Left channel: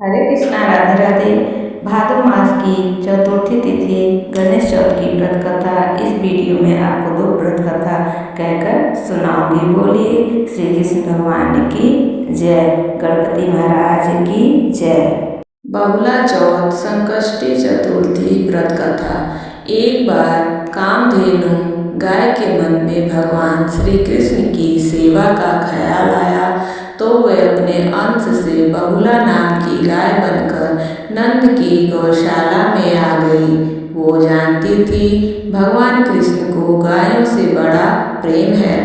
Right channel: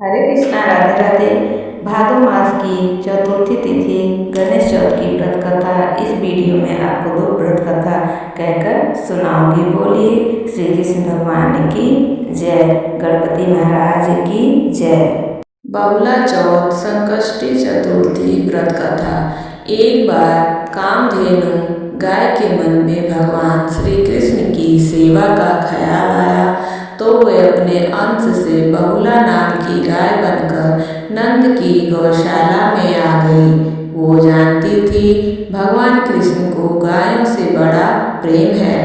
हरे कृष्णा, राधे राधे। भादो मास की चतुर्थी तिथि गणेश चौथ की व्रत कथा इस वीडियो में आपको दो व्रत कथा कहकर सुनाऊंगी। बोलिए श्री कृष्ण भगवान की जय, गणपति महाराज की जय। बहुला चौथ संकष्टी चतुर्थी व्रत कथा। एक बार कामधेनु गाय के मन में भगवान श्री कृष्ण की सेवा का ख्याल आया तो वे अपने अंश से बहुला नाम की गाय बनकर नंद की गौशाला में आ गई। वो जानती थी भगवान कृष्ण को गायों से बड़ा प्रेम है।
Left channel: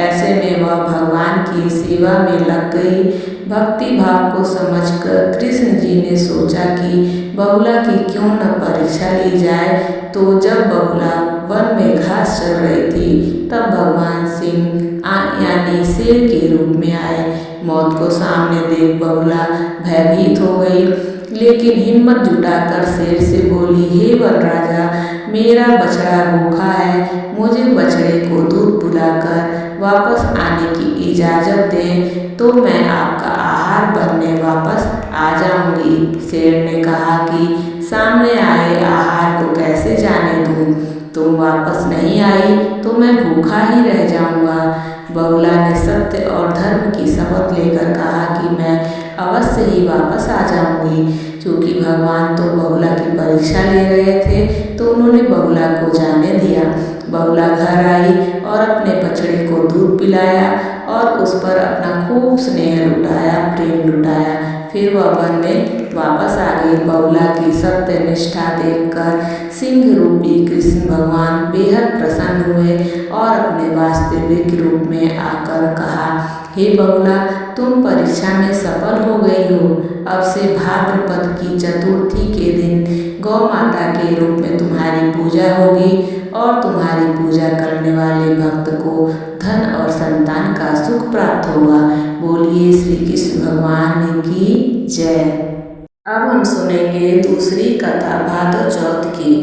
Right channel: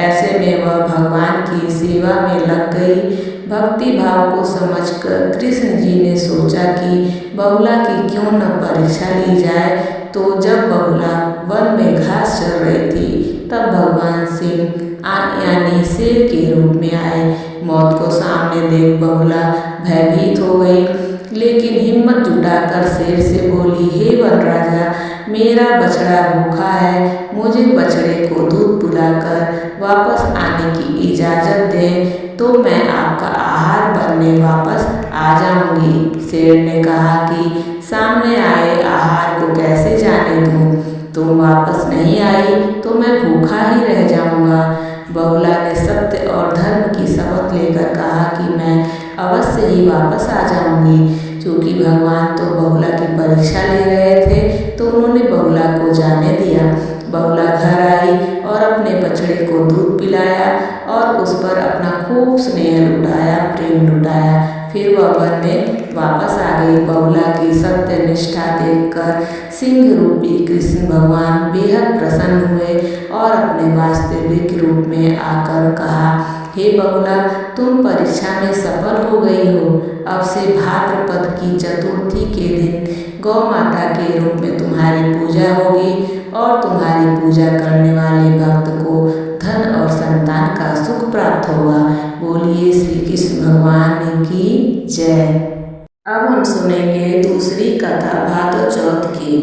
ऐसे में वह भगवान की सेवा में लग गई। भक्ति भाव को समझकर कृष्ण जी ने सोचा कि बहुला की क्यों न परीक्षा ली जाए। तो जब बहुला वन में घास चर रही थी तब भगवान सिंह यानी शेर के रूप में आए। मौत को सामने देख बहुला भयभीत हो गई, लेकिन हिम्मत जुटाकर शेर से बोली, हे वन राजा, मेरा बछड़ा भूखा है, मुझे बछड़े को दूध पिलाकर वापस आने की इजाज़त दें तो मैं आपका आहार बनने वापस आ जाऊंगी। शेर ने कहा कि सामने आए आहार को कैसे जाने दूं? तुम वापस नहीं आई तो मैं भूखा ही रह जाऊंगा। बहुला ने सत्य और धर्म की शपथ लेकर कहा कि मैं अवश्य ही वापस आ जाऊंगी। क्योंकि भगवान तो बहुला की परीक्षा ले रहे थे तो उन्होंने बहुला को जाने दिया। बहुला घर आई और अपने बछड़े को दूध पिलाया और उस पर अपना खूब स्नेह लुटाया, प्रेम लुटाया। फिर वह वन में वापस आ गई। बहुला की सत्य निष्ठा देखकर सिंह रूपी कृष्ण भगवान बेहद प्रसन्न हुए और अपने वास्तविक रूप में आकर कहा, हे बहुला, तुम परीक्षा में सफल हो गई हो। अब से भाद्रपद की चतुर्थी के दिन गौ माता के रूप में तुम्हारी पूजा होगी और तुम्हारी पूजा करने वाले भक्त को धन और संतान का सुख प्राप्त होगा। बोलिए श्री कृष्ण भगवान की जय। अब हम सुनेंगे दूसरी कथा भादो चौथ की।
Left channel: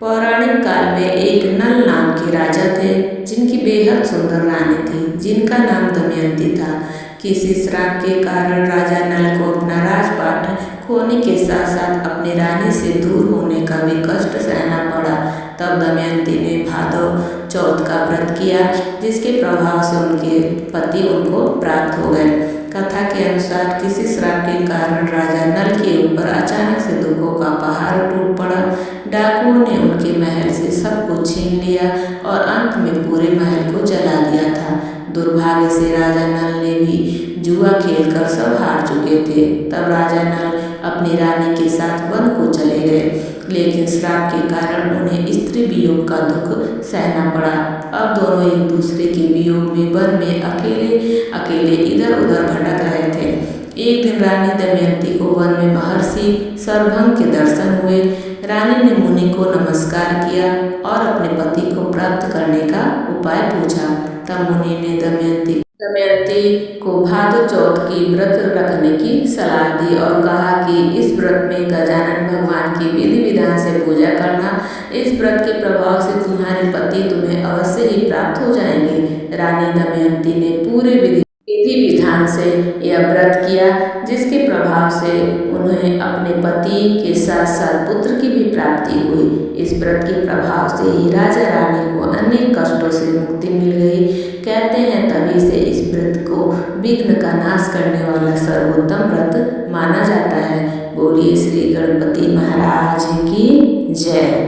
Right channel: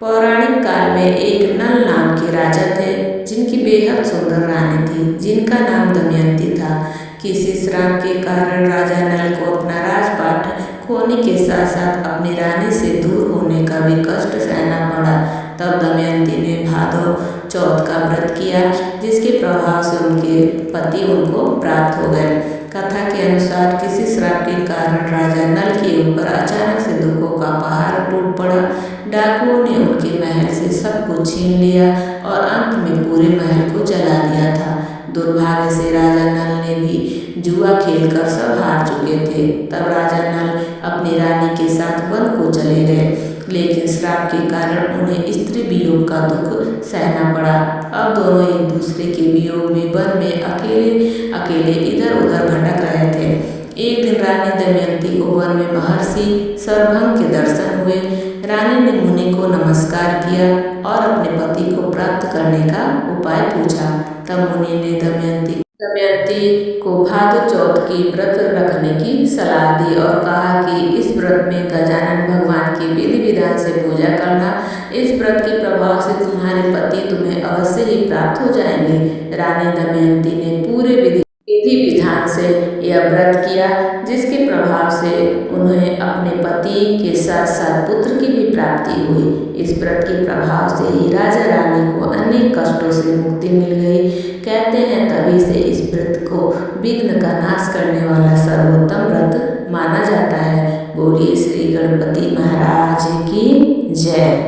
पौराणिक काल में एक नल नाम के राजा थे जिनकी बेहद सुंदर रानी थी जिनका नाम दमयंती था। किसी श्राप के कारण राजा नल को अपना राजपाट खोने के साथ साथ अपनी रानी से दूर होने का भी कष्ट सहना पड़ा। तब दमयंती ने भादो चौथ का व्रत किया जिसके प्रभाव से उनके पति उनको प्राप्त हो गए। कथा के अनुसार किसी श्राप के कारण राजा नल के ऊपर अचानक से दुखों का पहाड़ टूट पड़ा। डाकुओं ने उनके महल से सब कुछ छीन लिया और अंत में पूरे महल को जला दिया था। दुर्भाग्य से राजा नल ने भी जुआ खेलकर सब हार चुके थे। तब राजा नल अपनी रानी के साथ वन को चले गए, लेकिन श्राप के कारण उन्हें स्त्री वियोग का दुख सहना पड़ा। अब दोनों एक दूसरे के वियोग में वन में अकेले अकेले इधर उधर भटक रहे थे। एक दिन रानी दमयंती को वन में महर्षि सरभंग के दर्शन हुए। रानी ने मुनि को नमस्कार किया और अपने पति को प्राप्त करने का उपाय पूछा। तब मुनि ने दमयंती को भादो चौथ की व्रत रखने की सलाह दी और कहा कि इस व्रत में गजानन भगवान की विधि विधान से पूजा करना। इस व्रत के प्रभाव से तुम्हारे पति तुम्हें अवश्य ही प्राप्त हो जाएंगे। रानी दमयंती ने पूरे विधि विधान से यह व्रत किया जिसके प्रभाव से उन्हें अपने पति के साथ साथ पुत्र की भी प्राप्ति हुई। इस व्रत के प्रभाव से ही राजा रानी को अनेक कष्टों से मुक्ति मिल गई। कहते हैं तभी से इस व्रत को विघ्न का नाश करने वाला सर्वोत्तम व्रत माना जाता है। बोलिए श्री गणपति महाराज की जय।